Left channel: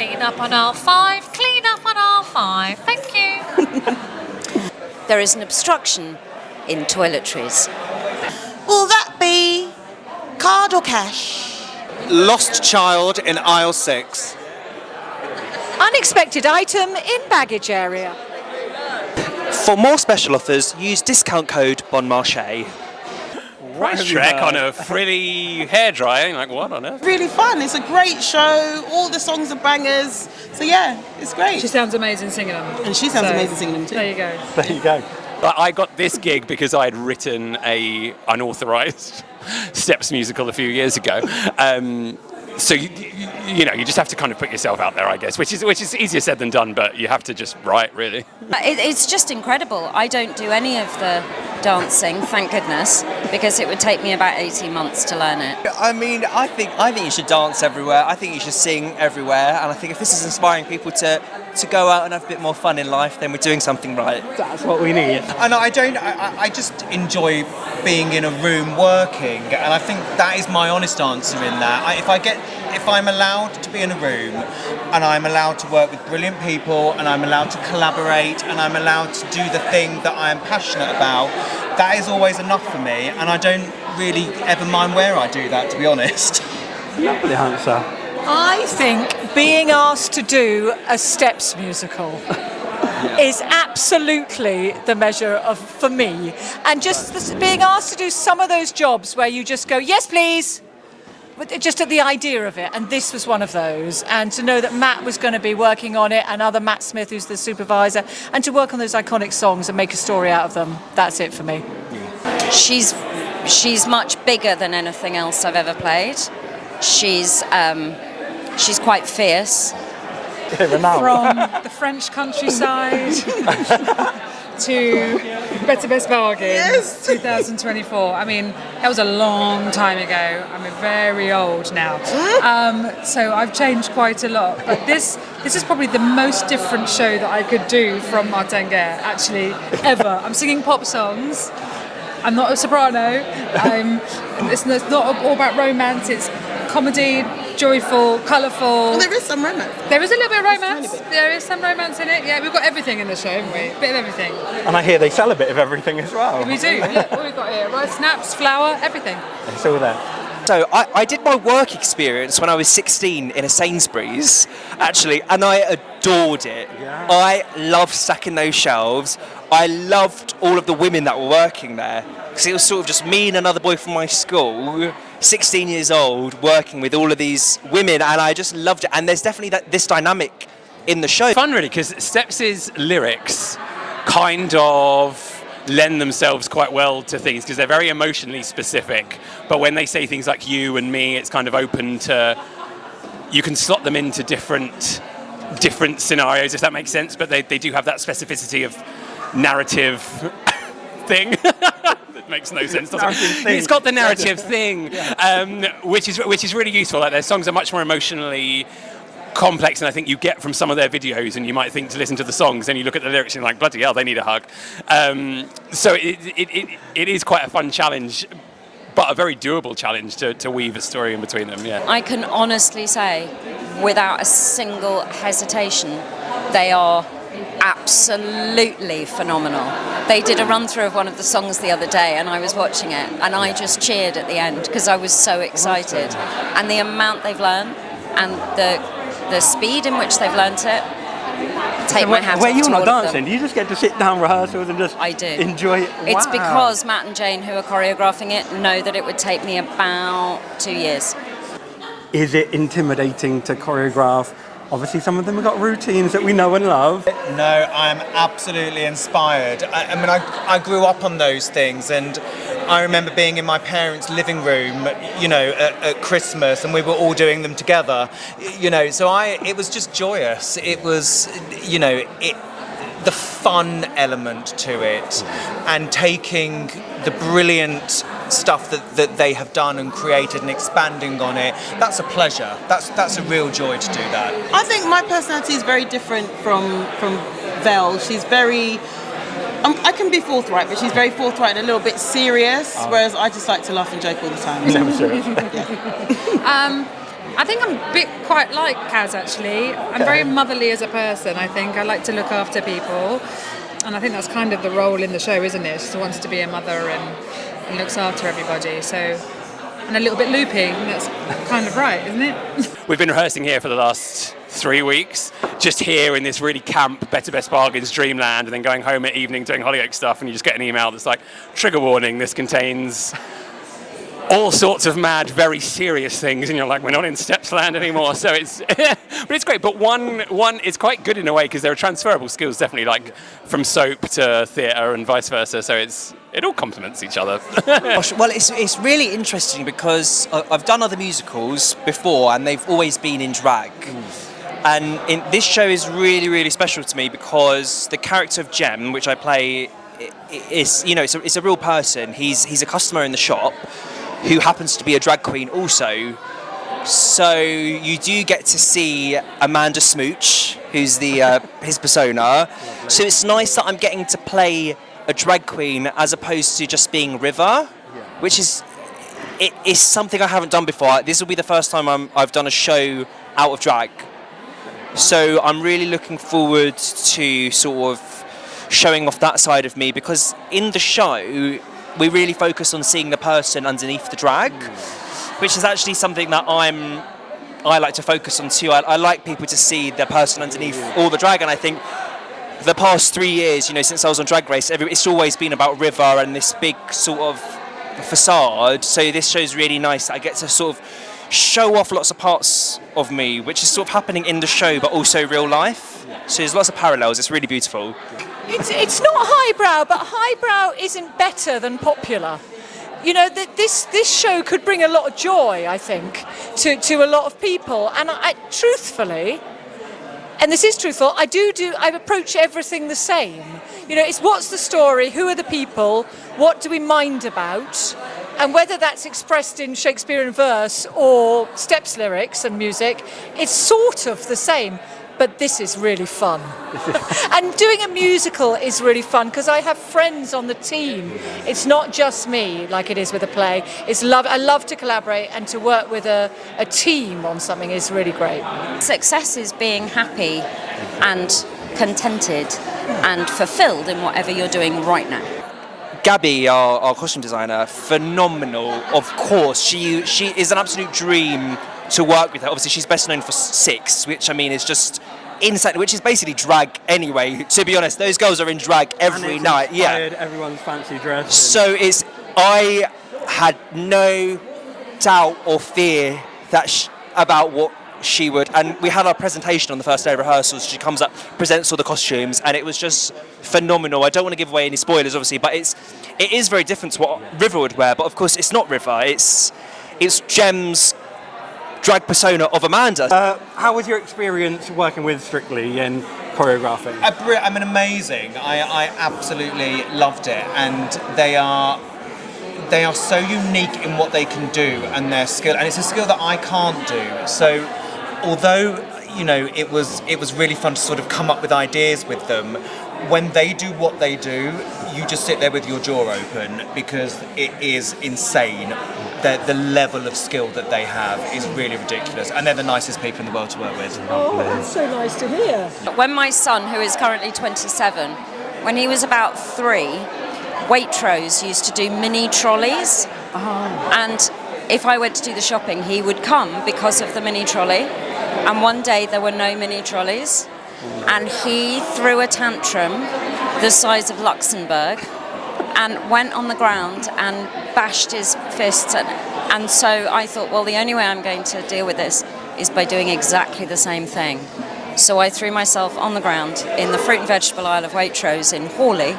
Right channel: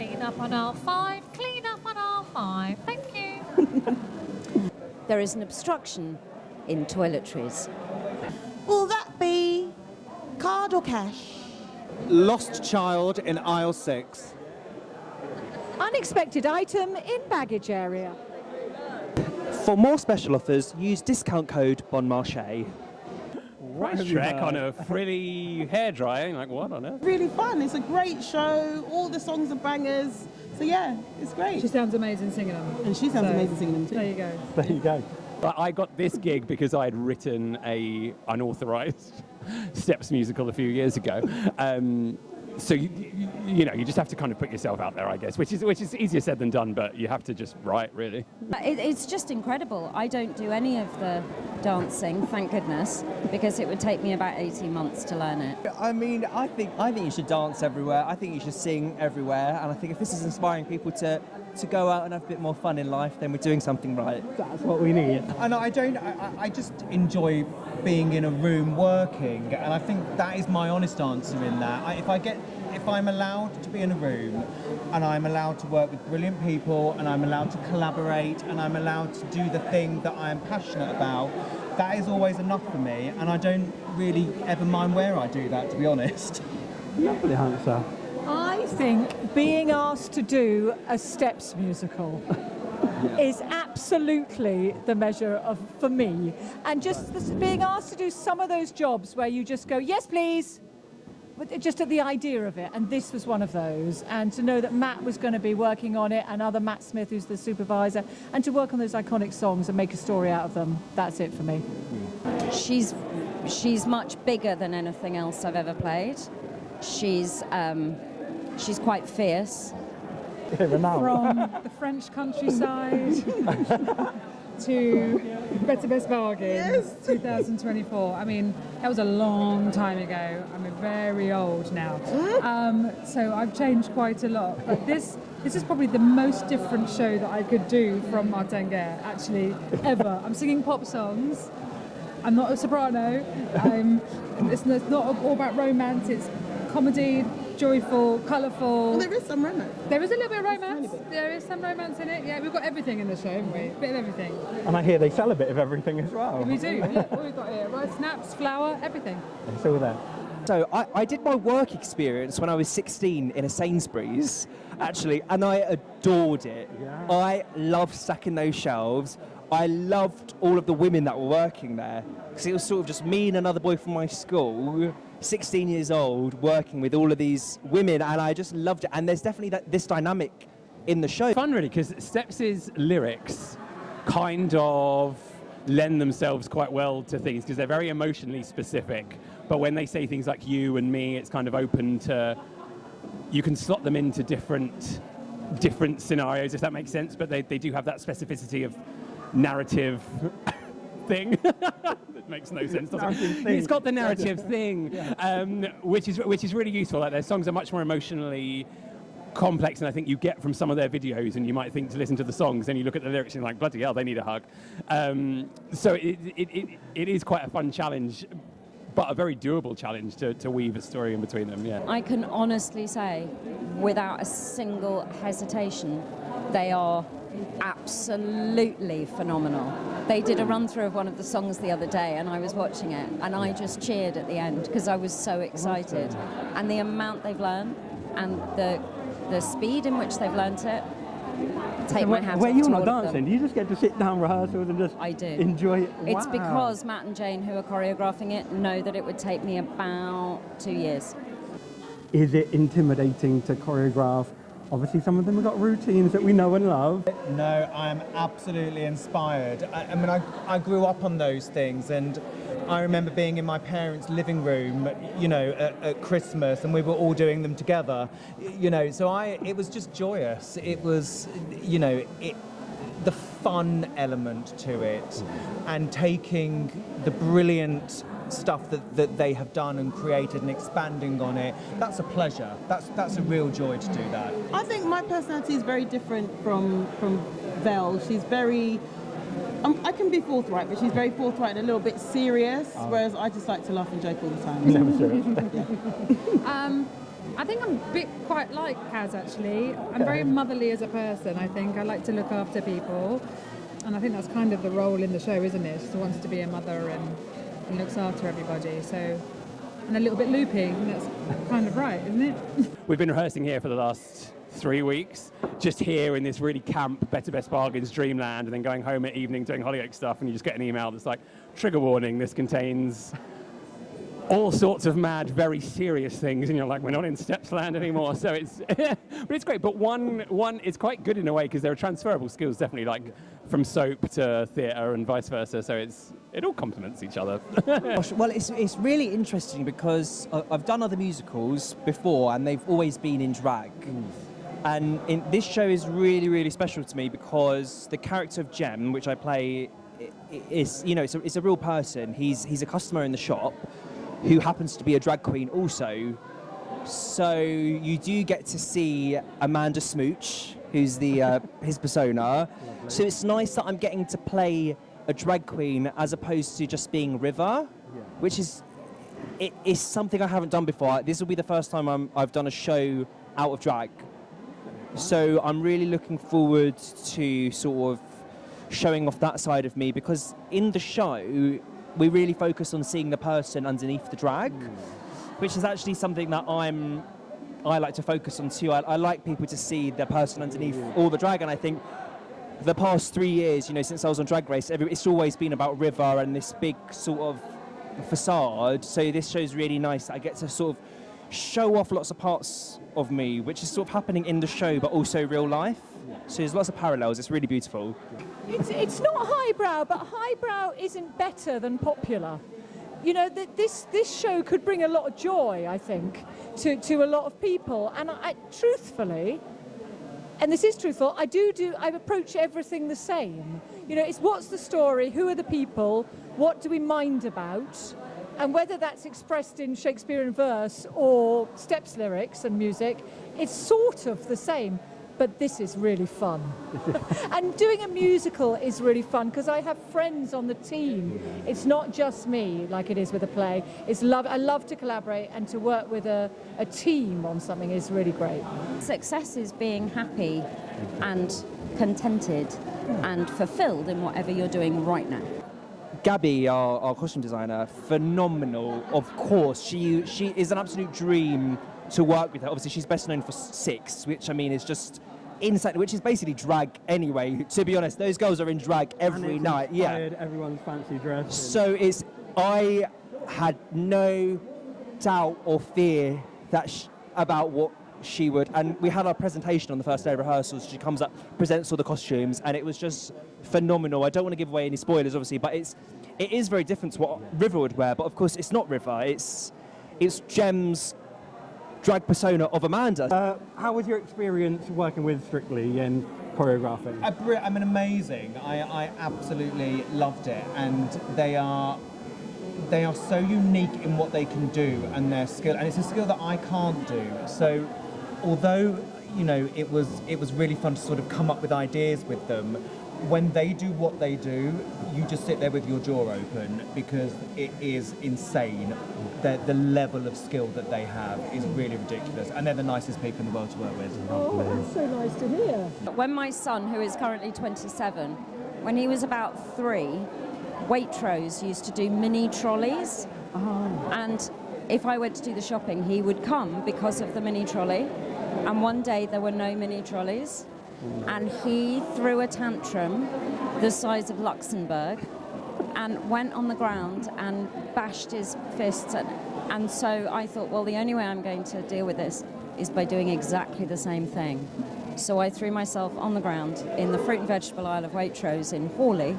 clean up on aisle 5, clean up on aisle 5. Thank you. There is an obstruction in toiletries. Will that be card or cash? Lost child in aisle 6. Unexpected item in baggage area. For more special offers, use discount code BonMarché. Price track on a frilly hairdryer. You're like, what on earth? Really fun. It's a great show. All the songs are bangers. So yeah, it's great. She sounds amazing singing them. And she sounds amazing singing them too. There you go. There you go. But I got this gig because I had written a unauthorized Steps musical a few years ago. So you know, you just have to kind of put yourself out there, I guess, which is easier said than done, but you have to just write, really. It's just incredible. I don't do any of the dancing, thank goodness, because it would take me about 18 months to learn it. I mean, I think you should dance everywhere. I think you should sing everywhere. And I think if this is inspiring people to go out and have a bit more fun in life, then we're doing something right. That's what we need. And I just enjoy being in a room working, and I think that is my honest answer in that. If I'm allowed to be in a room and I'm allowed to work with brilliant people and I'm allowed to collaborate and I'm allowed to do the thing that I am passionate about, that is always enough for me, and I don't really ever mind where I do that, to be honest. Lovely answer. I think being asked to do a Steps musical is absolutely the measure of, for me. And just being asked to do some of those jobs where you just go, yes, please, but just at the idea of it. And this was one of those. And to know that Matt was going to be working on it, and other Matt Smith, who's the supervisor, and to work on those iconic songs and make a story out of them, that's it for me. She's much bigger than anything else I've ever played. She's quite fierce. From the French countryside to Better Best Bargain, 2024. I mean, that was a long time ago. I'm very old now. So I've changed quite a lot. But this is probably the most different show that I could do from Martin Guerre, actually, ever. I'm singing pop songs. I'm not a soprano. It's not all about romance. It's comedy, joyful, colourful. Well, there is some romance. There is a little bit of romance. There is some romance in it. Yeah, we've got everything in the show, haven't we? A bit of everything. And I hear they sell a bit of everything as well. We do. Look what we've got here. Rice, snaps, flour, everything. It's all there. So I did my work experience when I was 16 in a Sainsbury's, actually, and I adored it. Yeah. I loved stacking those shelves. I loved all of the women that were working there, because it was sort of just me and another boy from my school, 16 years old, working with all of these women, and I just loved it. And there's definitely this dynamic in the show. Fun, really, because Steps' lyrics kind of lend themselves quite well to things because they're very emotionally specific. But when they say things like you and me, it's kind of open to, you can slot them into different scenarios, if that makes sense. But they do have that specificity of narrative thing. That makes no sense, does it? It's got the narrative thing, which is really useful. Like, their songs are much more emotionally complex than I think you get from some of their videos, and you might think to listen to the songs and you look at the lyrics and you're like, bloody hell, they need a hug. So it is quite a fun challenge, but a very doable challenge to weave a story in between them. Yeah, I can honestly say, without a single hesitation, they are absolutely phenomenal. They did a run through of one of the songs the other day, and I was watching it, and I just cheered at the end because I was so excited. And the amount they've learned and the speed in which they've learnt it, take my hat off to all of them. Where you're not dancing, do you just get to sit down rehearsals and just enjoy it? It's Wow. because Matt and Jane, who are choreographing it, know that it would take me about 2 years. Is it intimidating to choreograph? Obviously, some of them have got routines that we know and love. No, I'm absolutely inspired. I mean, I grew up on those things, and I remember being in my parents' living room, you know, at Christmas, and we were all doing them together, you know. So it was just joyous. It was, you know, the fun element to it, and taking the brilliant stuff that they have done and created and expanding on it. That's a pleasure. That's a real joy to do that. I think my personality is very different from Vel. She's very, I can be forthright, but she's very forthright and a little bit serious, whereas I just like to laugh and joke all the time. Never serious. I think I'm a bit quite like Kaz, actually. I'm very motherly as a person, I think. I like to look after people. And I think that's kind of the role in the show, isn't it? She wants to be a mother and looks after everybody. So, and a little bit loopy. And that's kind of right, isn't it? We've been rehearsing here for the last 3 weeks, just here in this really camp Better Best Bargains dreamland, and then going home at evening doing Hollyoaks stuff, and you just get an email that's like, trigger warning, this contains all sorts of mad, very serious things, and you're like, we're not in Stepsland anymore. So it's, but it's great. But one, it's quite good in a way because there are transferable skills, definitely, like from soap to theatre and vice versa. So it all complements each other. Gosh, well, it's really interesting because I've done other musicals before, and they've always been in drag. And this show is really, really special to me because the character of Jem, which I play, is, you know, it's a real person. He's a customer in the shop who happens to be a drag queen also. So you do get to see Amanda Smooch, who's the his persona. So it's nice that I'm getting to play a drag queen as opposed to just being River, which is something I haven't done before. This will be the first time I've done a show out of drag. So I'm really looking forward to sort of showing off that side of me, because in the show we really focus on seeing the person underneath the drag, which is actually something that I like to focus on too. I like people to see the person underneath all the drag, and I think the past 3 years, you know, since I was on Drag Race, it's always been about River and this big sort of facade. So this show's really nice. I get to sort of show off lots of parts of me, which is sort of happening in the show, but also real life. So there's lots of parallels. It's really beautiful. It's not highbrow, but highbrow isn't better than popular. You know, this show could bring a lot of joy, I think, to a lot of people. And I truthfully, and this is truthful, I approach everything the same. You know, it's what's the story, who are the people, what do we mind about, and whether that's expressed in Shakespearean verse or steps lyrics and music, it's sort of the same. But this is really fun. And doing a musical is really fun because I have friends on the team. It's not just me like it is with a play. I love to collaborate, and to work with a team on something is really great. Success is being happy and contented and fulfilled in whatever you're doing right now. Gabby, our costume designer, phenomenal. Of course, she is an absolute dream to work with her. Obviously, she's best known for Six, which I mean is just insane, which is basically drag anyway. To be honest, those girls are in drag every night. Yeah, everyone's fancy dress. So I had no doubt or fear that about what she would. And we had our presentation on the first day of rehearsals. She comes up, presents all the costumes, and it was just phenomenal. I don't want to give away any spoilers, obviously, but it is very different to what River would wear. But of course, it's not River. It's Jem's drag persona of Amanda. How was your experience working with Strictly and choreographing? I mean, amazing. I absolutely loved it, and they are so unique in what they can do and their skill, and it's a skill that I can't do. So, although you know it was really fun to sort of come up with ideas with them, when they do what they do, you just sit there with your jaw open because it is insane. The level of skill that they have is really ridiculous, and they're the nicest people in the world to work with. Oh, that's so nice to hear. When my son, who is currently 27, when he was about 3, Waitrose used to do mini trolleys. And if I went to do the shopping, he would come because of the mini trolley. And one day there were no mini trolleys, and he threw a tantrum the size of Luxembourg and went on the ground and bashed his fists. And so I thought, well, the only way I'm going to deal with this is by doing exactly the same thing. So I threw myself on the ground in the fruit and vegetable aisle of Waitrose in Hawley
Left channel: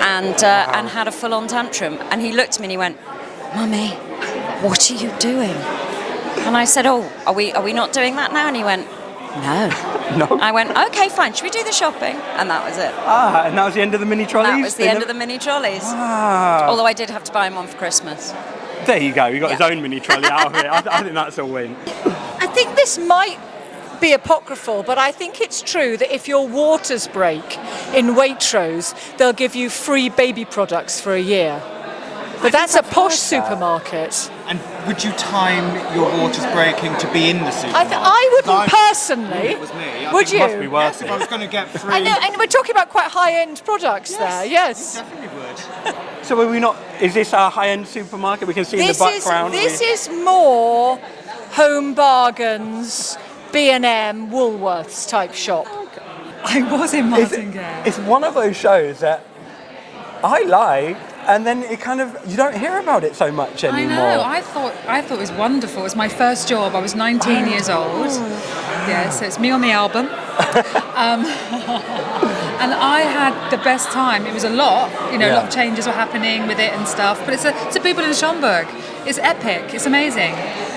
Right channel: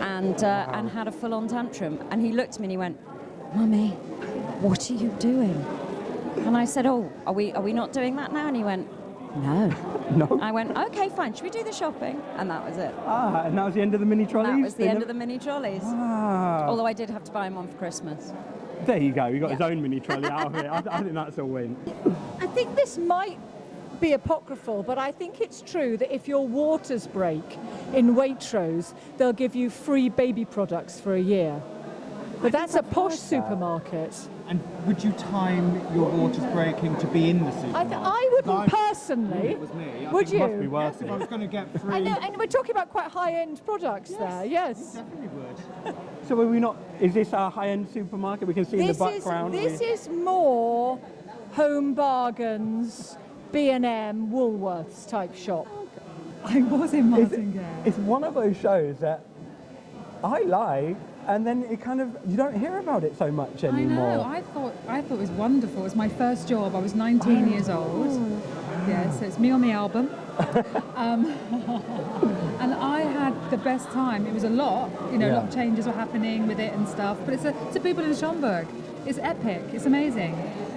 and had a full-on tantrum. And he looked at me and he went, "Mummy, what are you doing?" And I said, "Oh, are we not doing that now?" And he went, "No." No. I went, "Okay, fine, should we do the shopping?" And that was it. And that was the end of the mini trolleys? That was the end of the mini trolleys. Although I did have to buy him one for Christmas. There you go, you got his own mini trolley out of it. I think that's a win. I think this might be apocryphal, but I think it's true that if your waters break in Waitrose, they'll give you free baby products for a year. But that's a posh supermarket. And would you time your waters breaking to be in the supermarket? I wouldn't I- personally. It was me. I Would think you? it must be worth it. If I was going to get free. I know, and we're talking about quite high-end products there. Yes. Definitely would. So are we not? Is this our high-end supermarket? We can see in the background. This is more Home Bargains, B&M, Woolworths type shop. I was in Martingale. It's one of those shows that I like, and then it kind of you don't hear about it so much I anymore. know. I thought it was wonderful. It was my first job. I was 19 years old. Yeah, so it's me on the album. And I had the best time. It was a lot. A lot of changes were happening with it and stuff. But it's a people in Schomburg. It's epic. It's amazing.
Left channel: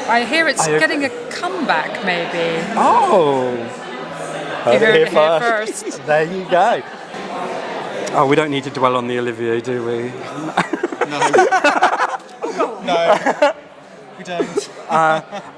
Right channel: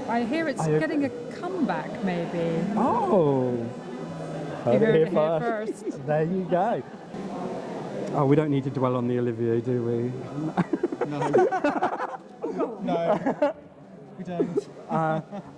I hear it's getting a comeback, maybe. Oh. You heard it here first. There you go. Oh, we don't need to dwell on the Olivier, do we? No. No. We don't.